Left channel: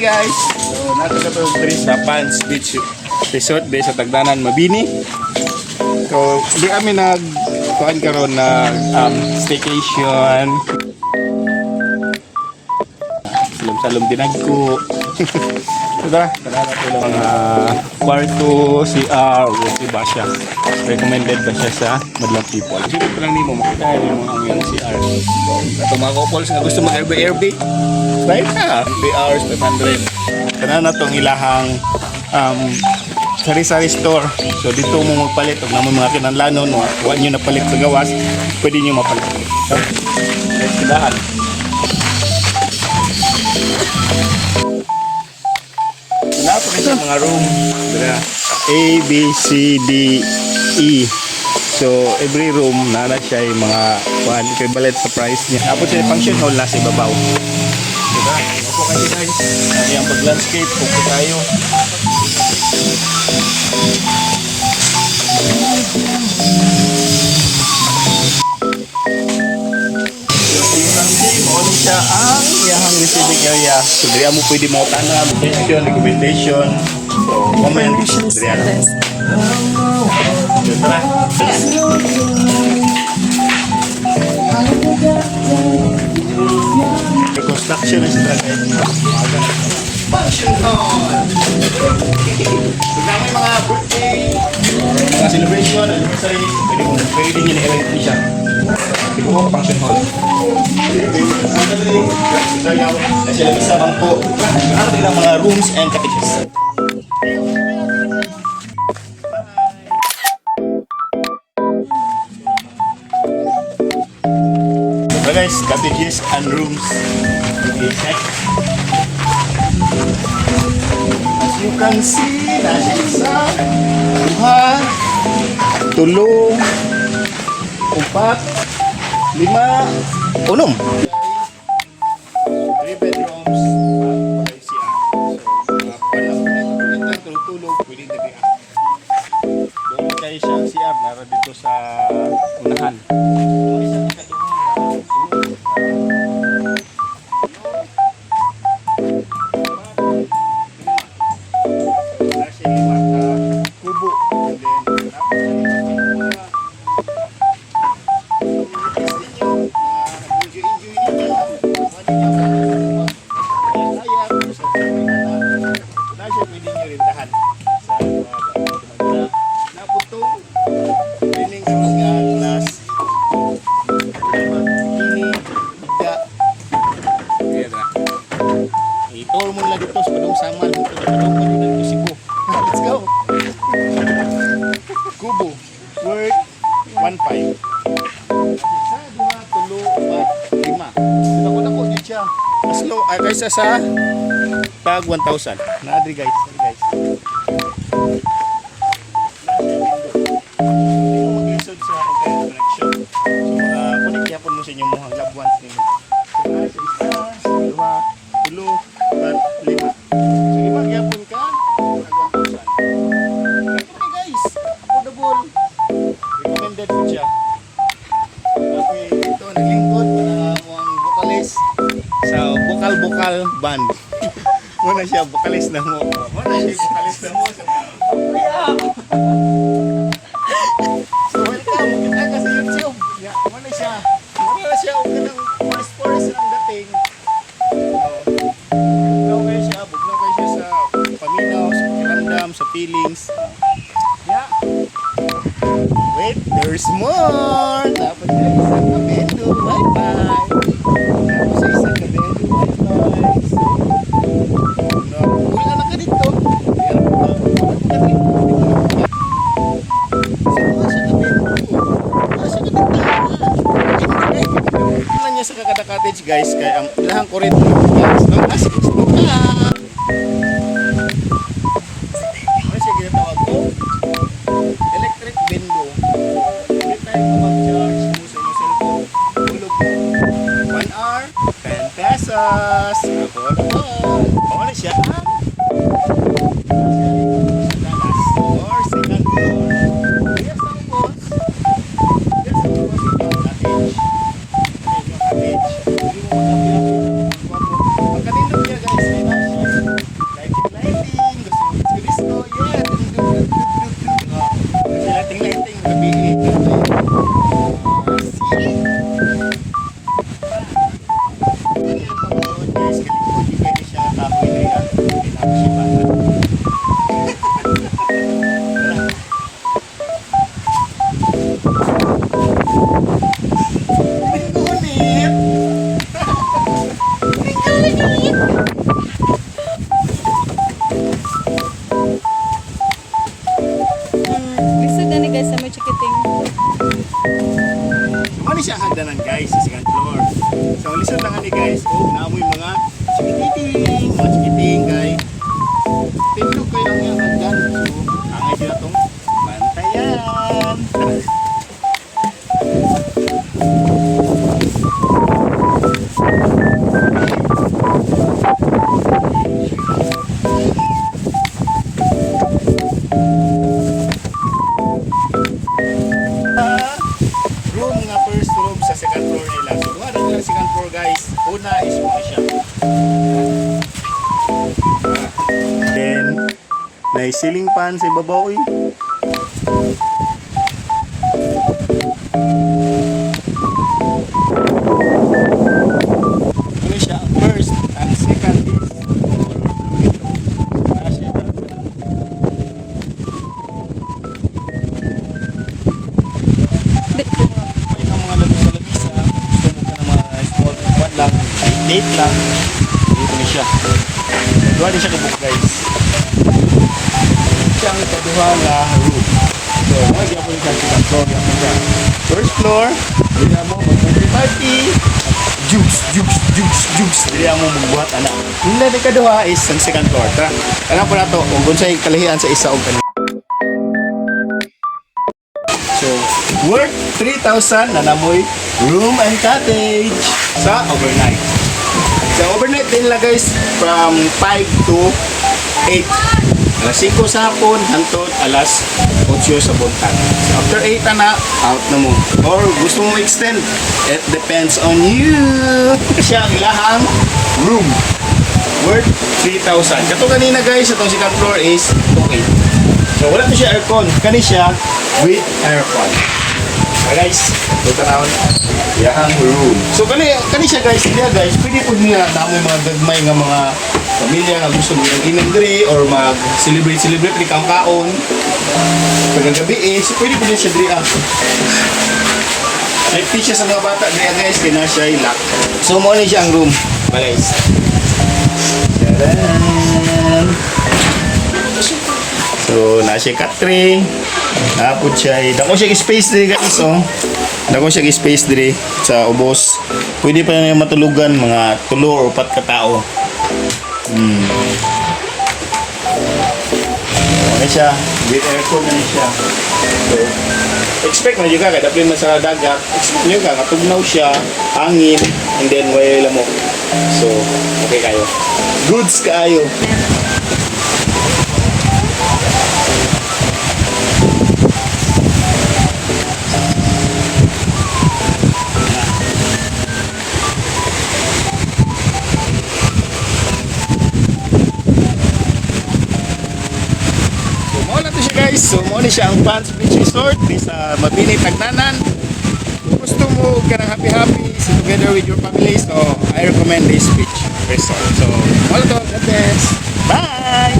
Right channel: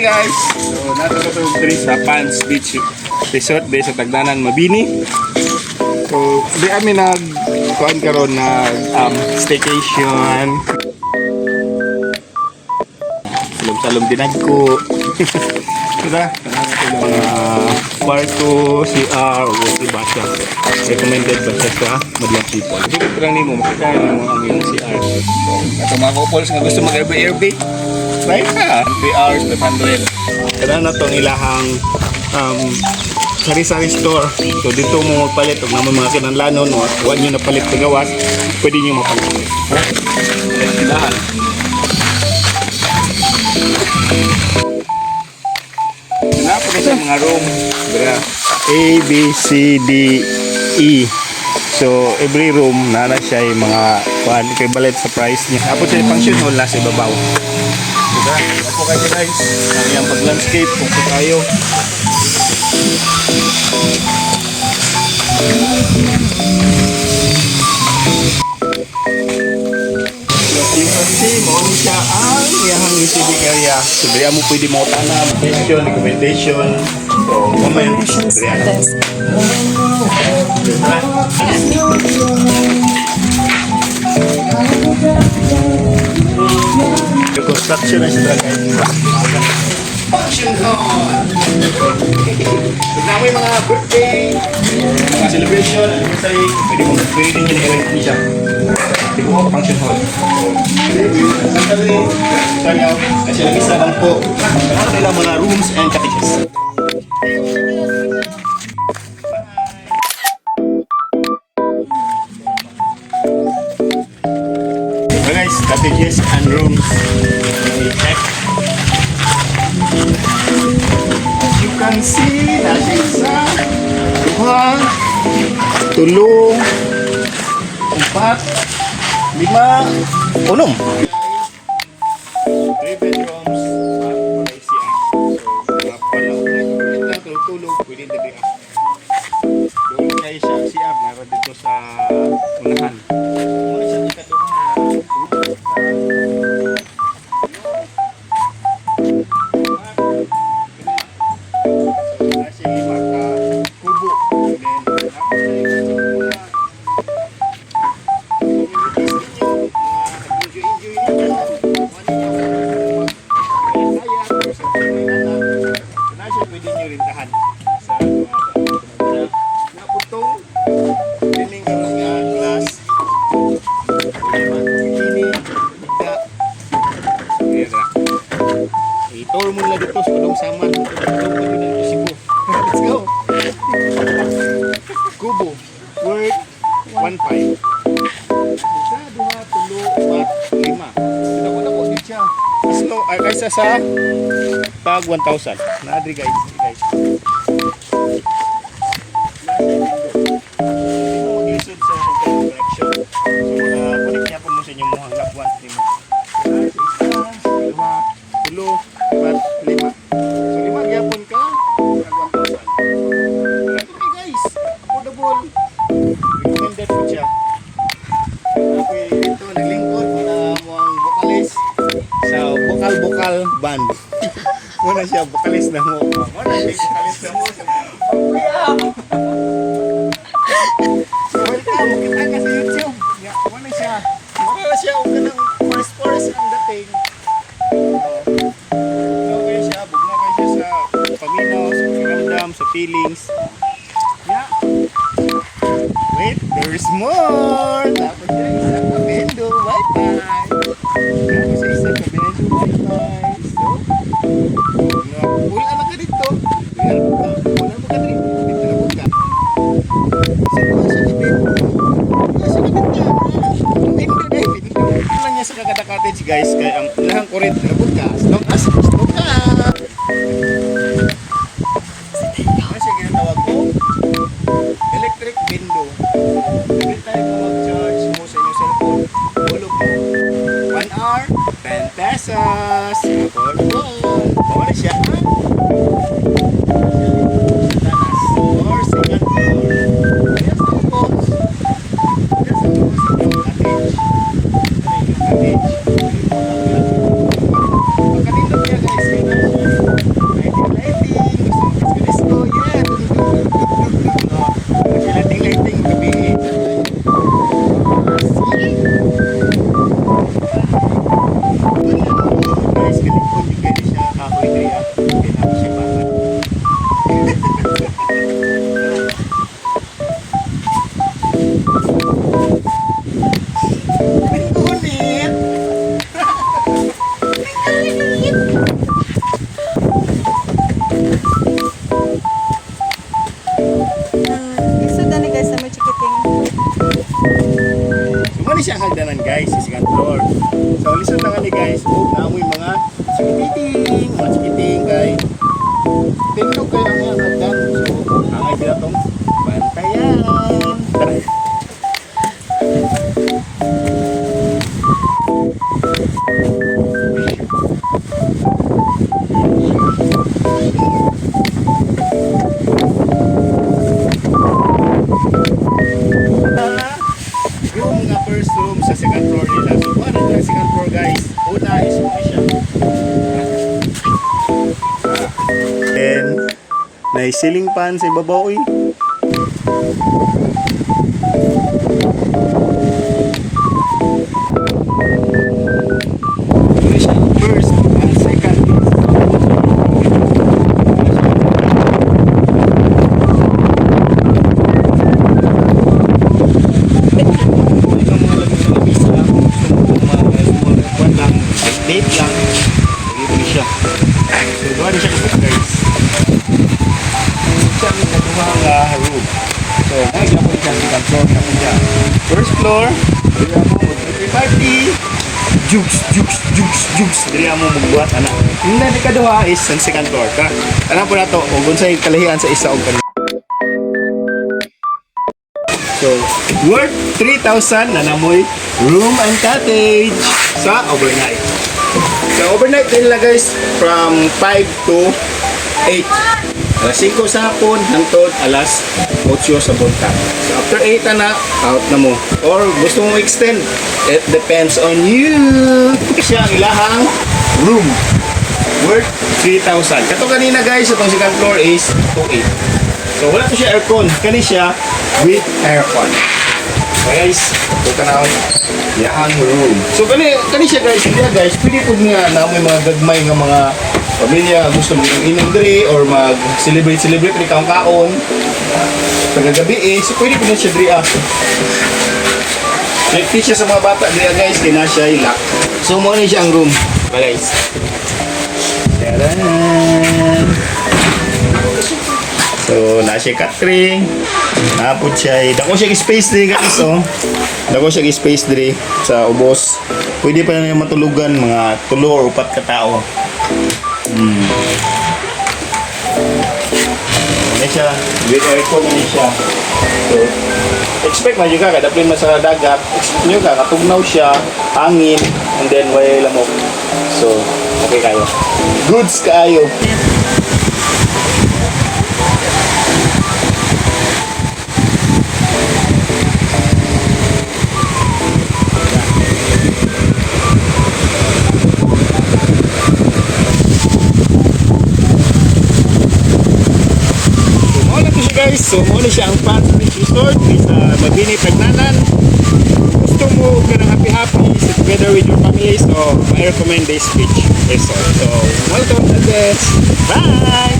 Hi guys! So, nato ka to diri sa Pans Beach Resort sa Tagdanan, Mabini. So, di kami kuan karon na staycation. Salom-salom dinagko. Diba? Kanana ko yung mga kwarto, CR, o iba siya. Recommended ba siya sa Madlang People. Dito ko lang nimo, makikaya mo ang yung CR. So, ito mga couples nga gusto mag-Airbnb, buy ka. 3 hours, 500. Kanana itong ilahang sari-sari store. So, dito mo magpalit. Huwag naman mga kinanlanon, huwag nyo napalit sa gawas, pwede nyo mapalit. Ilahan. Napag sa mga room, A, B, C, D, E. So every room na siya yung mga equivalent sa price niya. Tapos siya yung function hall nasa ibabaw. Diba? Ako kayo guys, yung pag-landscape, kung tayo. Kasi mauni siya ang iyahang receiving area. So diya mo pwede mo tanam, question, recommendation. So comment. Diya na. The construction is the function hall. So na may mga birthday, mga celebration, anniversary, pwede nyo na-arrange siya. Di ko mo function hall. Kasi lagi sa bangko. Ano nilang mga rooms and cottages. So guys, cottages and rooms. As you can see, nasa isa, duha, tulo, empat, 5, 6. 3 bedrooms, tulog, pwede na biya. Doon kayo siya CR, meron dito sa unahan. Doon siya i-tour mo na dito sa Palong Samal. Let's go! Kubo worth 1.5. Isa, 2, 3, 4, 5. Dako dito siya. As low, guys, sa tag 1,000. Naadri guys. Mag-isod sa connection. So, connect niya po mo sa inyong mga loved ones ninyo. Isa, 2, 3, 4, 5. So, 5 gyapon ka, tag 1,000. Ito guys, affordable. Recommended po siya. Okay, ito, naglingkod na mo ang vocalist sa Bokal Band. Muna siya, vocalist na mo. Muna siya, vocalist na mo. So, welcome. Kita ka sa YouTube. Muna siya. Muna siya, chorus ang dating. Bugnaw kayo siya sa paminaw, sa pakiramdam, sa feelings. Yeah. Wait, there's more. Dapat na isang kabendo. Bye-bye. Tapos isang kabendo. Bye-bye. So, wala na ka dito. Lang niya sa Kakada Cottage guys, kaya ang ilahang kurit as long as gusto ka. Ano siya ginatawag ko? Electric window. Hindi tayo mag-charge mo sa inyong cellphone. Hulog mo. 1 hour, 10 pesos. Affordable. Bawala siya ha? Or second floor. Yes, of course. Yes, of course. Cottage. Pagkatindog niya guys, Muna siya hagdanan guys sa second floor. So ang lisod lang ni guys, naamoy mga chikiting kay tindog kayo ang iyang hagdan. So ang idea itong bantayan. Room nga first room sa second floor nila. So ano nila second floor guys? Una is muna siya. Then may ceiling fan sa ibabaw eh. Yun siya ang first. Ang second is date lang. Dito na siya. So, duwa siya kabuk guys. Siyang kaduha nga room. So, nagiging po siya sa second floor. First floor, dili mo mag-birthday party. Jukes. Dili mo magbuhat, anak. Yung na kaduha is sa second floor. Tara, alam po na to. Kung sa kalahian sa isa o kanina. So, worth 3,000 na namoy room and cottage sa overnight. So, overnight din lang guys from 5 to 8. Alas 5 sa hapon hangtod alas 8 sa buntag. So, after 8 na, out na mo. Or gusto mo extend, it depends on you. Siya ang ilahang room worth 3,000. Kato kanina guys, itong second floor is 2,800. So, wala to siya aircon. Kani siya with aircon. Guys, ito tanawin yahang room. So kani siya guys, pwede po niya na may mga gagmay nga mga pamilya gusto mo ng inig diri or mag celebrate ni kaon. Pagkagabi is pwede po niya siya diri ah. Like picture sa mga bata diya guys, kina siya ilak. So mo ni siya ang room. Guys. Taran. So, na siya catering. Napod siya. Dako siya space diri guys, oh. Dako siya space diri sa ubos. Pwede pa na matulugan mga 3 or 4 ka tao. Ano siya? With aircon na siya. So, expect mo juga kada pin sa dagat. Expect nyo ka katugnaw siya, hangin, and then way lamok. So, okay kayo. Goods kaayo. Guys, so muna siya ang Pats Beach Resort sa Mabini, Tagnanan. Kung gusto mo ka ng happy so together with your family, so I recommend this beach resort. So, welcome to this. Bye!